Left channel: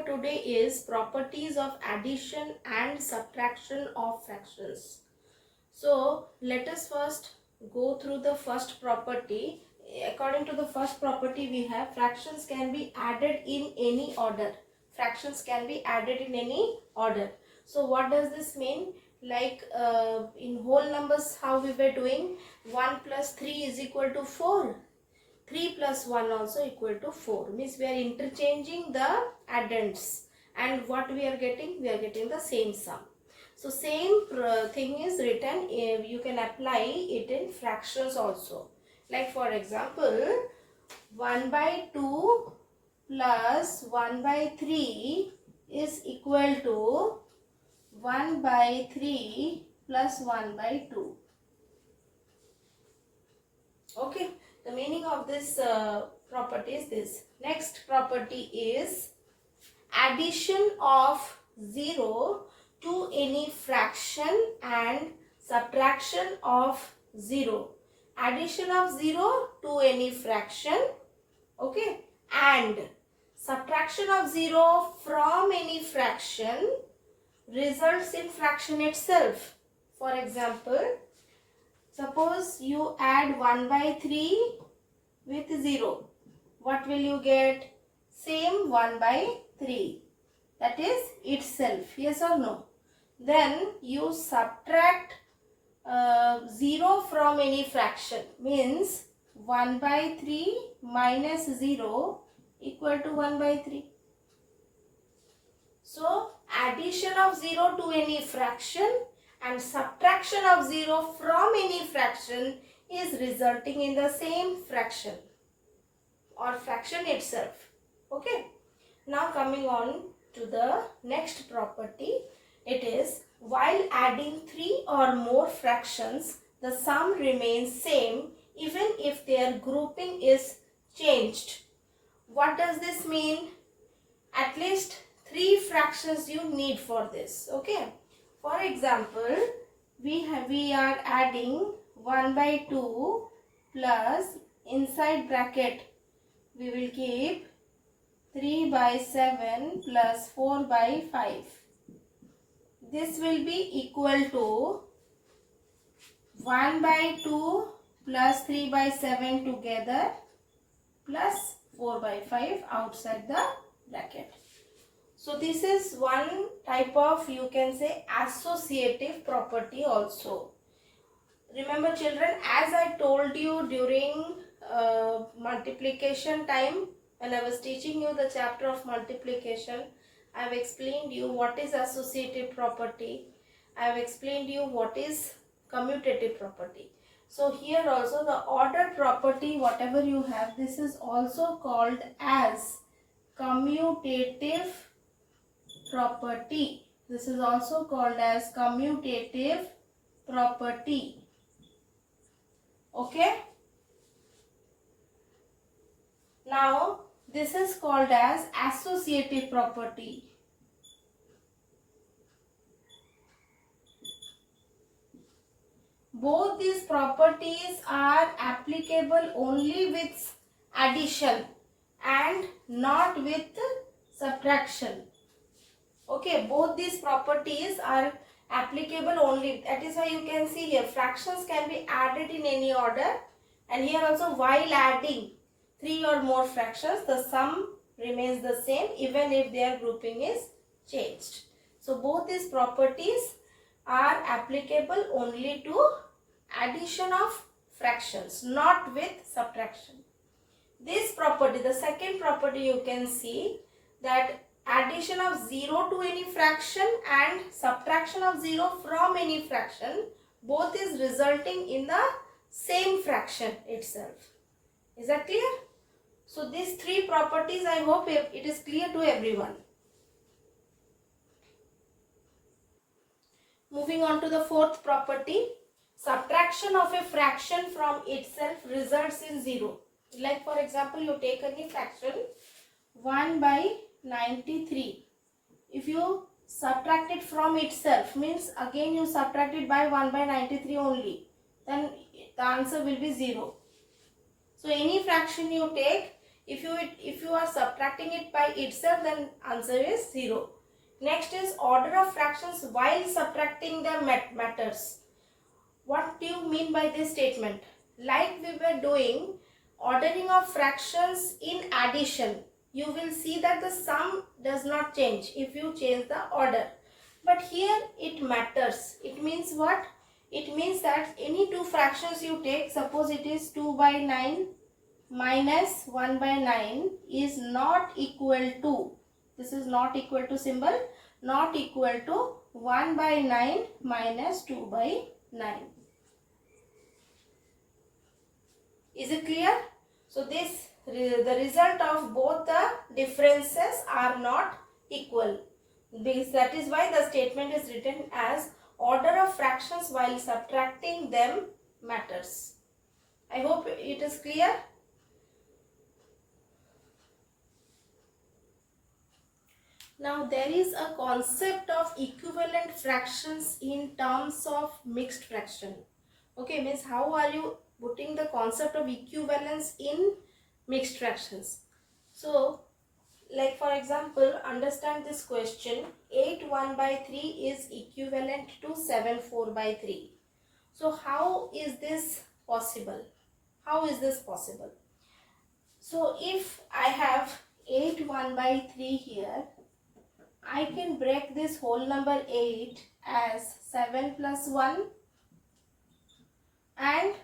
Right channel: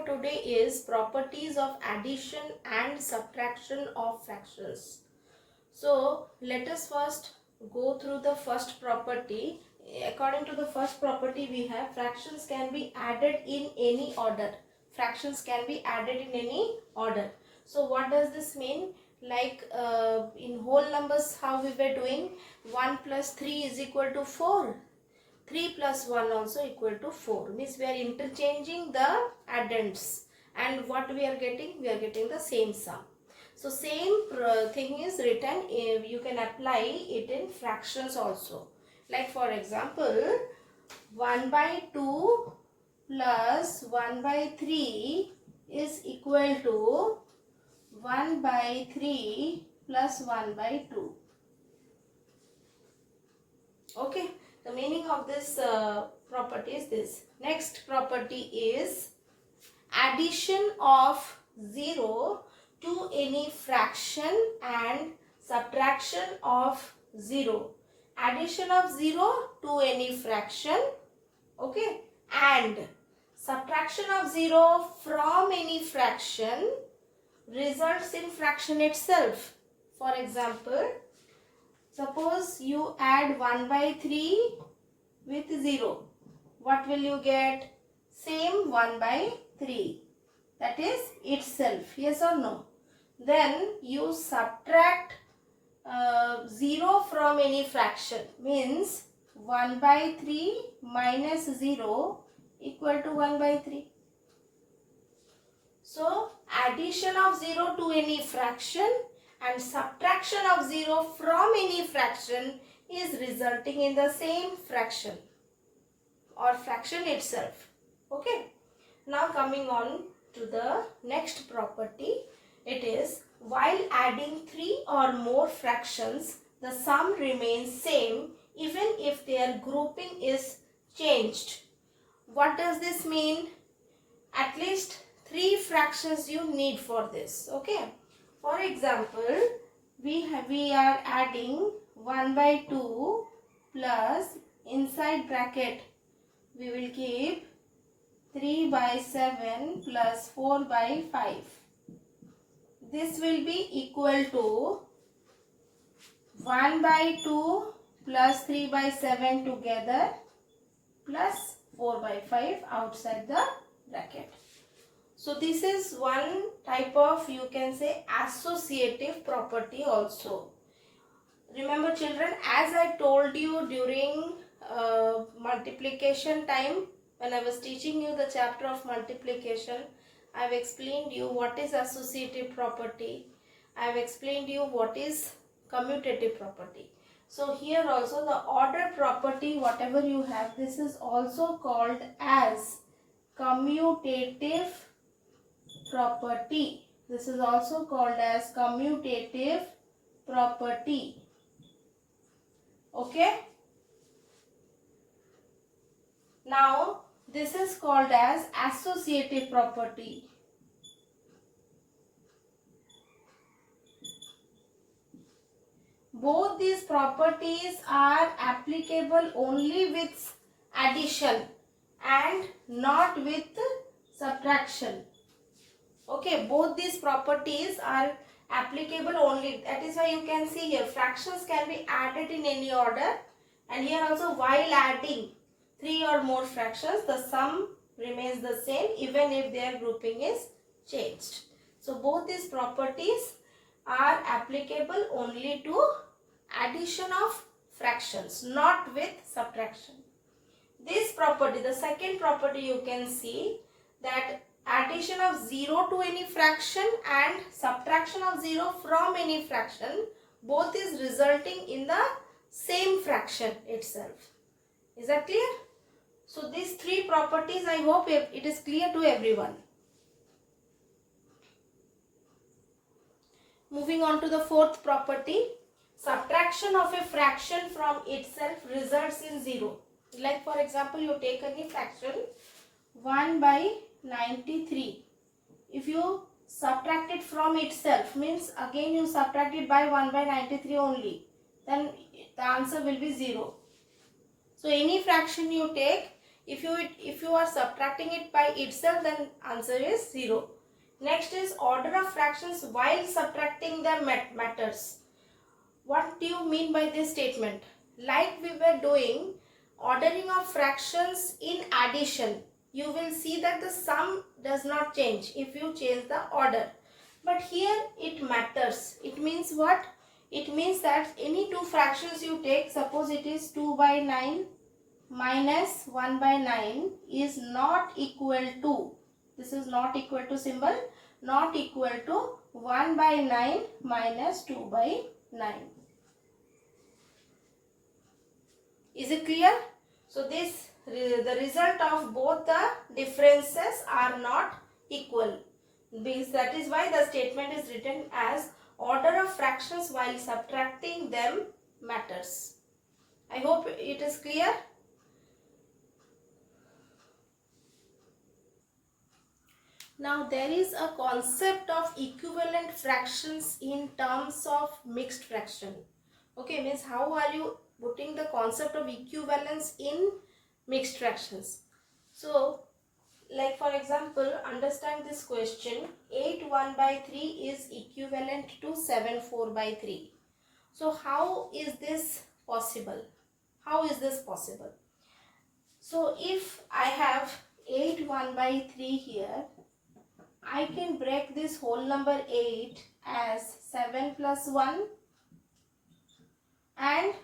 for today is properties of addition and subtraction of fractions. So let us first go through the first property. According to the first property, we have fractions can be added in any order. Fractions can be added in any order. So what does this mean? Like in whole numbers, how we were doing? 1 plus 3 is equal to 4. 3 plus 1 also equal to 4. Means we are interchanging the addends. And what we are getting? We are getting the same sum. So same thing is written, you can apply it in fractions also. Like for example, 1 by 2 plus 1 by 3 is equal to 1 by 3 plus 1 by 2. Okay, the meaning of this property is this. Next property is addition of 0 to any fraction and subtraction of 0. Addition of 0 to any fraction, okay, and subtraction of 0 from any fraction results in fraction itself. For example, suppose you add 1 by 3 with 0. What will you get? Same 1 by 3. That is itself. Yes or no? Then you subtract 0 from any fraction. Means 1 by 3 minus 0 equal to 1 by 3. So addition of 0 to any fraction and subtraction of 0 from any fraction is resulting in the same fraction or fraction itself. Okay. Now coming on to the next property, it is while adding 3 or more fractions, the sum remains same even if their grouping is changed. What does this mean? At least 3 fractions you need for this. Okay. For example, we are adding 1 by 2 plus inside bracket we will keep 3 by 7 plus 4 by 5. This will be equal to 1 by 2 plus 3 by 7 together plus 4 by 5 outside the bracket. So this is one type of, you can say, associative property also. Remember children, as I told you during multiplication time, when I was teaching you the chapter of multiplication, I have explained you what is associative property. I have explained you what is commutative property. So here also the order property, whatever you have, this is also called as commutative property. This is also called as commutative property. Okay. Now this is called as associative property. Both these properties are applicable only with addition and not with subtraction. Okay, both these properties are applicable only. That is why you can see here fractions can be added in any order, and here also while adding 3 or more fractions, the sum remains the same even if their grouping is changed. So both these properties are applicable only to addition of fractions, not with subtraction. This property, the second property, you can see that addition of 0 to any fraction and subtraction of 0 from any fraction, both is resulting in the same fraction itself. Is that clear? So these 3 properties, I hope it is clear to everyone. Moving on to the fourth property, subtraction of a fraction from itself results in 0. Like for example, you take any fraction 1 by 93. If you subtract it from itself, means again you subtract it by 1 by 93 only, then the answer will be 0. So any fraction you take, If you are subtracting it by itself, then answer is 0. Next is order of fractions while subtracting them matters. What do you mean by this statement? Like we were doing ordering of fractions in addition, you will see that the sum does not change if you change the order. But here it matters. It means what? It means that any two fractions you take, suppose it is 2 by 9 minus 1 by 9 is not equal to, this is not equal to symbol, not equal to 1 by 9 minus 2 by 9. Is it clear? So the result of both the differences are not equal. That is why the statement is written as order of fractions while subtracting them matters. I hope it is clear. Now there is a concept of equivalent fractions in terms of mixed fraction. Okay, means how are you putting the concept of equivalence in mixed fractions? So, like for example, understand this question, 8 1 by 3 is equivalent to 7 4 by 3. So, how is this possible? How is this possible? So, if I have 8 1 by 3 here, I can break this whole number 8 as 7 plus 1 and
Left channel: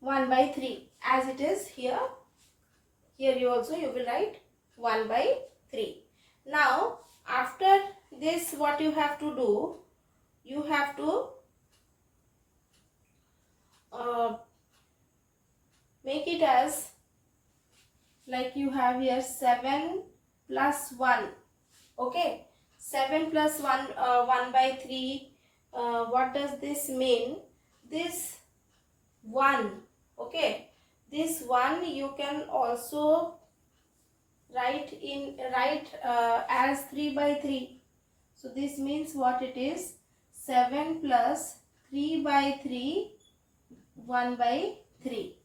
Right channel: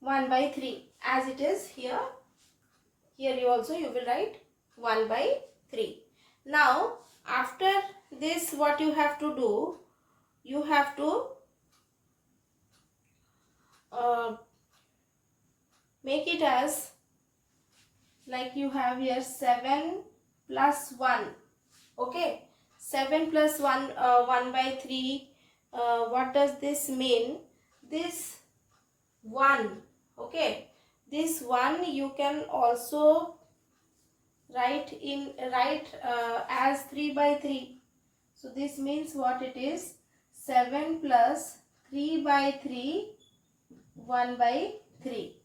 1 by 3 as it is here. Here you will write 1 by 3. Now after this, what you have to do, you have to make it as, like you have here 7 plus 1. Okay, 7 plus 1, 1 by 3. What does this mean? This 1, okay, this 1 you can also write as 3 by 3. So this means what it is? 7 plus 3 by 3, 1 by 3.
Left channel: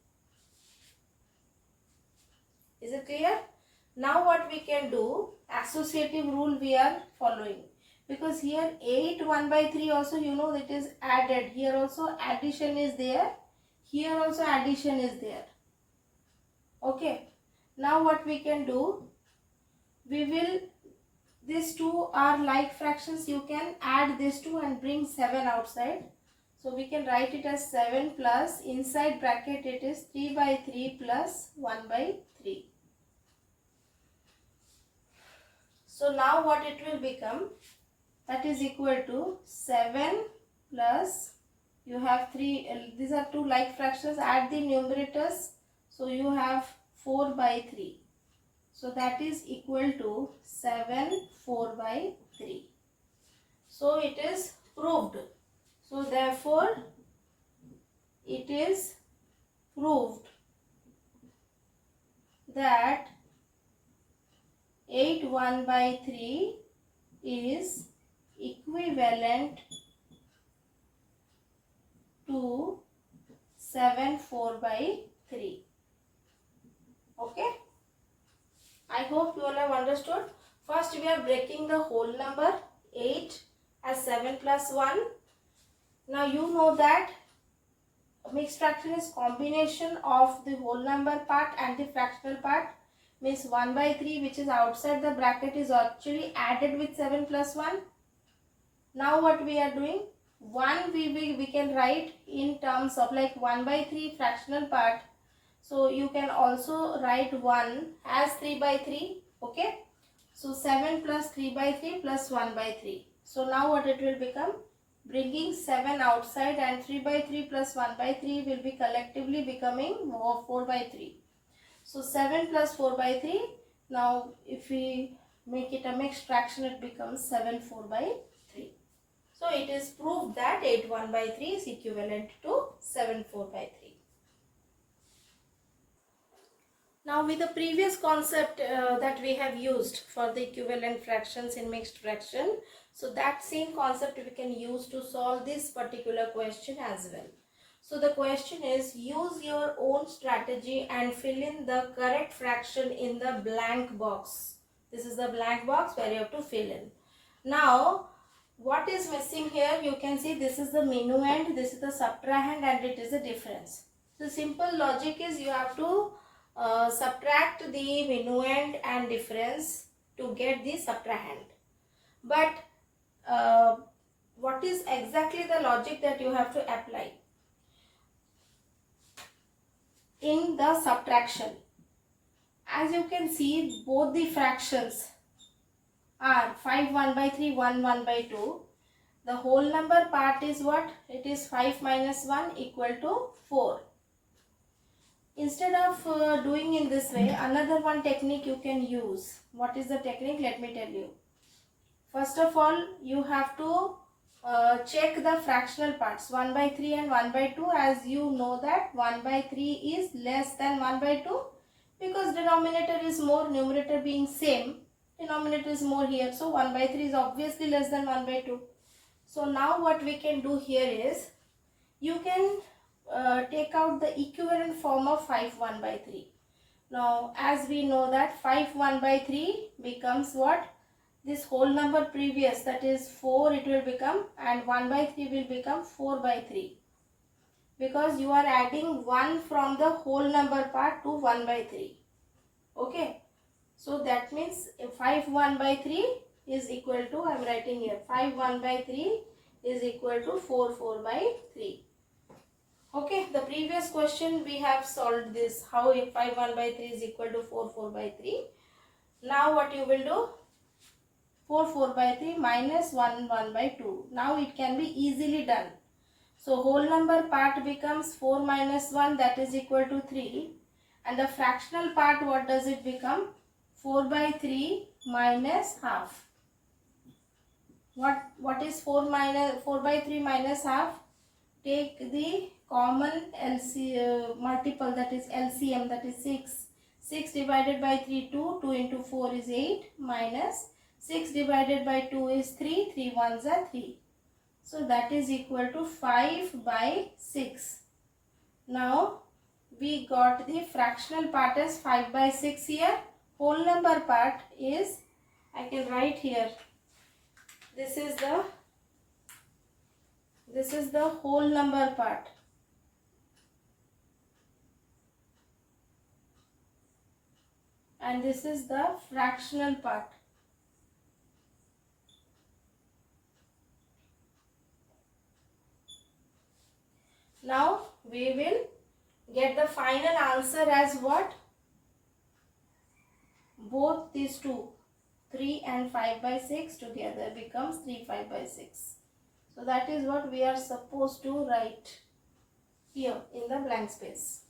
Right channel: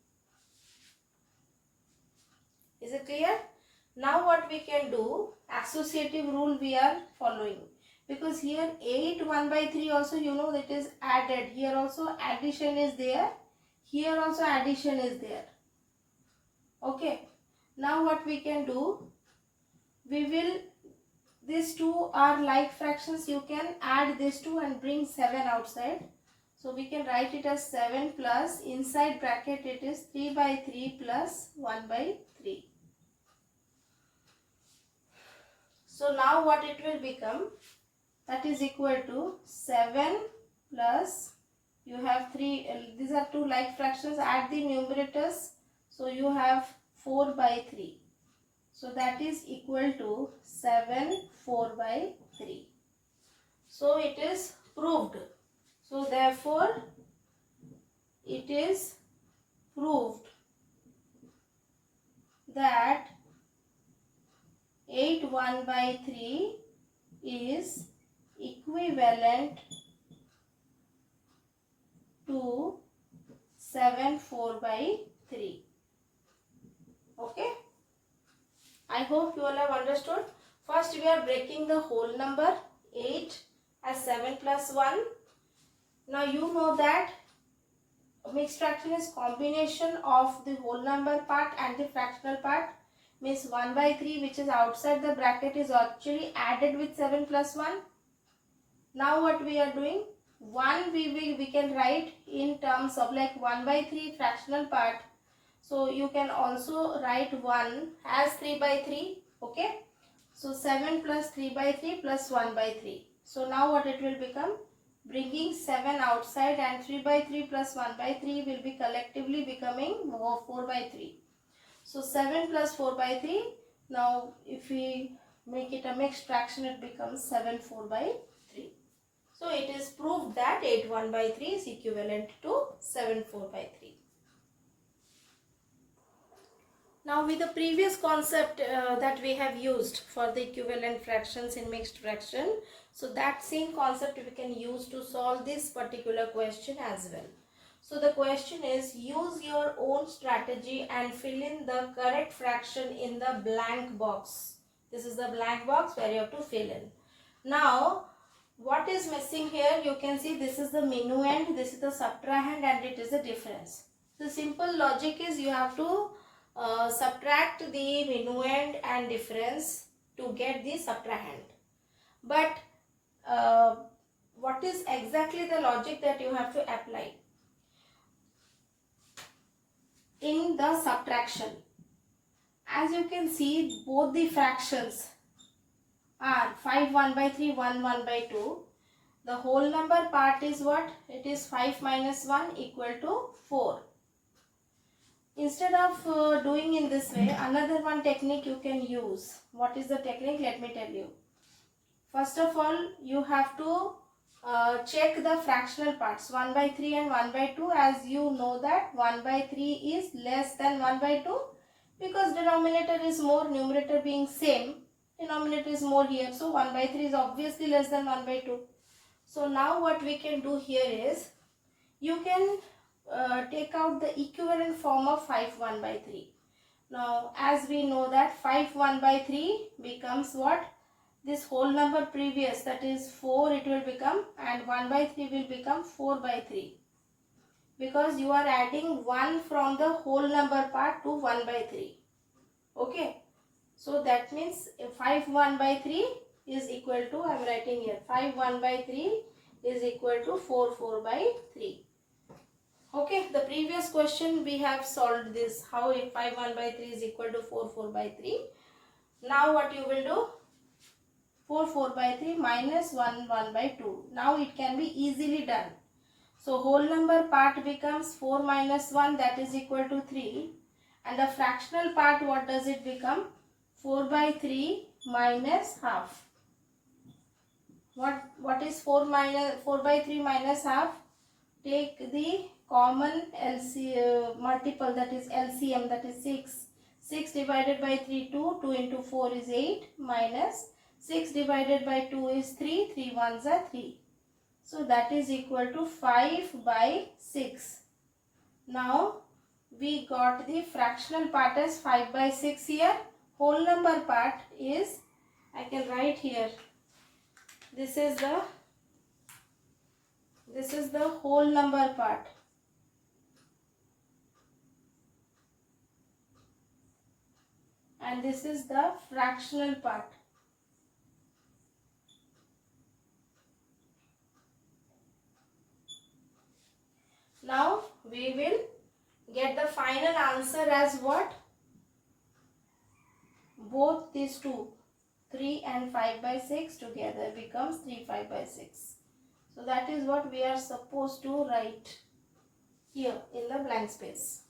Is it clear? Now what we can do, associative rule we are following, because here 8 1 by 3 also that is added, here also addition is there, here also addition is there. Okay, now what we can do, these two are like fractions, you can add these two and bring 7 outside. So we can write it as 7 plus, inside bracket it is 3 by 3 plus 1 by 3. So now what it will become, that is equal to 7 plus, you have 3, these are two like fractions, add the numerators, so you have 4 by 3. So that is equal to 7 4 by 3. So it is proved. So therefore it is proved that 8 1 by 3 is equivalent to 7 4 by 3. Okay, I hope you all have understood. First we are breaking the whole number 8 as 7 plus 1. Now you know that mixed fraction is combination of the whole number part and the fractional part. Means 1 by 3 which is outside the bracket is actually added with 7 plus 1. Now what we are doing, 1 we can write in terms of like 1 by 3 fractional part. So you can also write 1 as 3 by 3. Okay. So 7 plus 3 by 3 plus 1 by 3. So now what it will become, bringing 7 outside and 3 by 3 plus 1 by 3 will be collectively becoming 4 by 3. So 7 plus 4 by 3. Now if we make it a mixed fraction, it becomes 7 4 by 3. So it is proved that 8 1 by 3 is equivalent to 7 4 by 3. Now with the previous concept that we have used for the equivalent fractions in mixed fraction, so that same concept we can use to solve this particular question as well. So the question is, use your own strategy and fill in the correct fraction in the blank box. This is the blank box where you have to fill in. Now, what is missing here? You can see this is the minuend, this is the subtrahend, and it is a difference. The simple logic is you have to subtract the minuend and difference to get the subtrahend. But what is exactly the logic that you have to apply? In the subtraction, as you can see, both the fractions are 5 1 by 3, 1 1 by 2. The whole number part is what? It is 5 minus 1 equal to 4. Instead of doing in this way, another one technique you can use. What is the technique? Let me tell you. First of all, you have to check the fractional parts 1 by 3 and 1 by 2, as you know that 1 by 3 is less than 1 by 2 because denominator is more, numerator being same, denominator is more here. So 1 by 3 is obviously less than 1 by 2. So now what we can do here is, you can take out the equivalent form of 5 1 by 3. Now as we know that 5 1 by 3 becomes what? This whole number previous, that is 4, it will become, and 1 by 3 will become 4 by 3. Because you are adding 1 from the whole number part to 1 by 3. Okay. So that means 5 1 by 3 is equal to, I am writing here, 5 1 by 3 is equal to 4 4 by 3. Okay, the previous question we have solved this, how if 5 1 by 3 is equal to 4 4 by 3. Now what you will do? 4 4 by 3 minus 1 1 by 2. Now it can be easily done. So whole number part becomes 4 minus 1, that is equal to 3. And the fractional part, what does it become? 4 by 3 minus half. What is 4 by 3 minus half? Take the common multiple, that is LCM, that is 6. 6 divided by 3, 2. 2 into 4 is 8 minus 6 divided by 2 is 3. 3 ones are 3. So that is equal to 5 by 6. Now we got the fractional part as 5 by 6 here. Whole number part is, I can write here, this is the whole number part. And this is the fractional part. Now we will get the final answer as what? Both these two, 3 and 5 by 6 together becomes 3 5 by 6. So that is what we are supposed to write here in the blank space.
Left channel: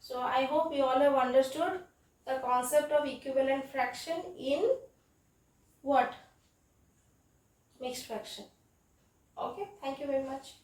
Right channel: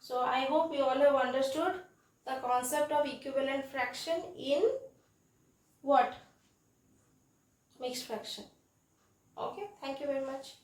So I hope you all have understood the concept of equivalent fraction in what? Mixed fraction. Okay, thank you very much.